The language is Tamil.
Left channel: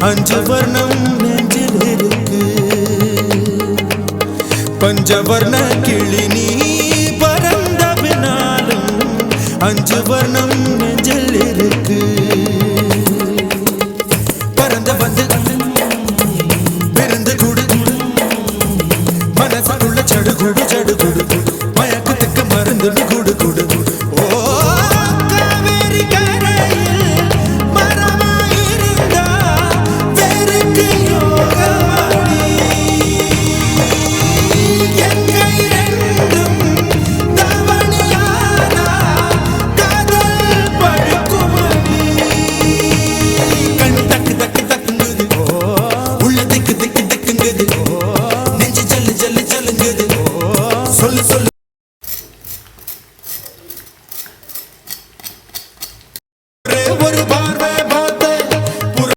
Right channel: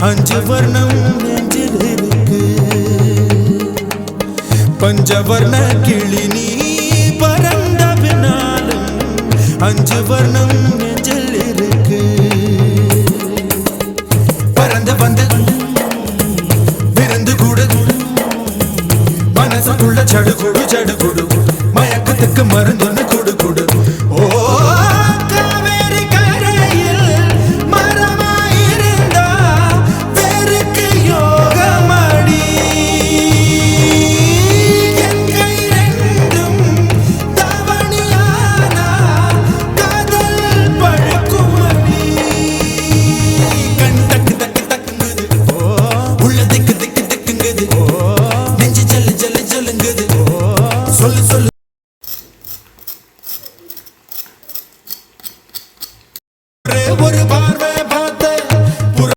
அஞ்சு வர்ணம் நெஞ்சில் இருக்கு. பஞ்சவர்ண கிளி நீ பறந்த பின்னாலும் அஞ்சு வர்ணம் நெஞ்சில் இருக்கு. பறந்து வந்து விருந்து கூடு மனசுக்குள்ள சடுகுடு சடுகுடு மயக்கத்துக்கு மருந்துன்னு குடு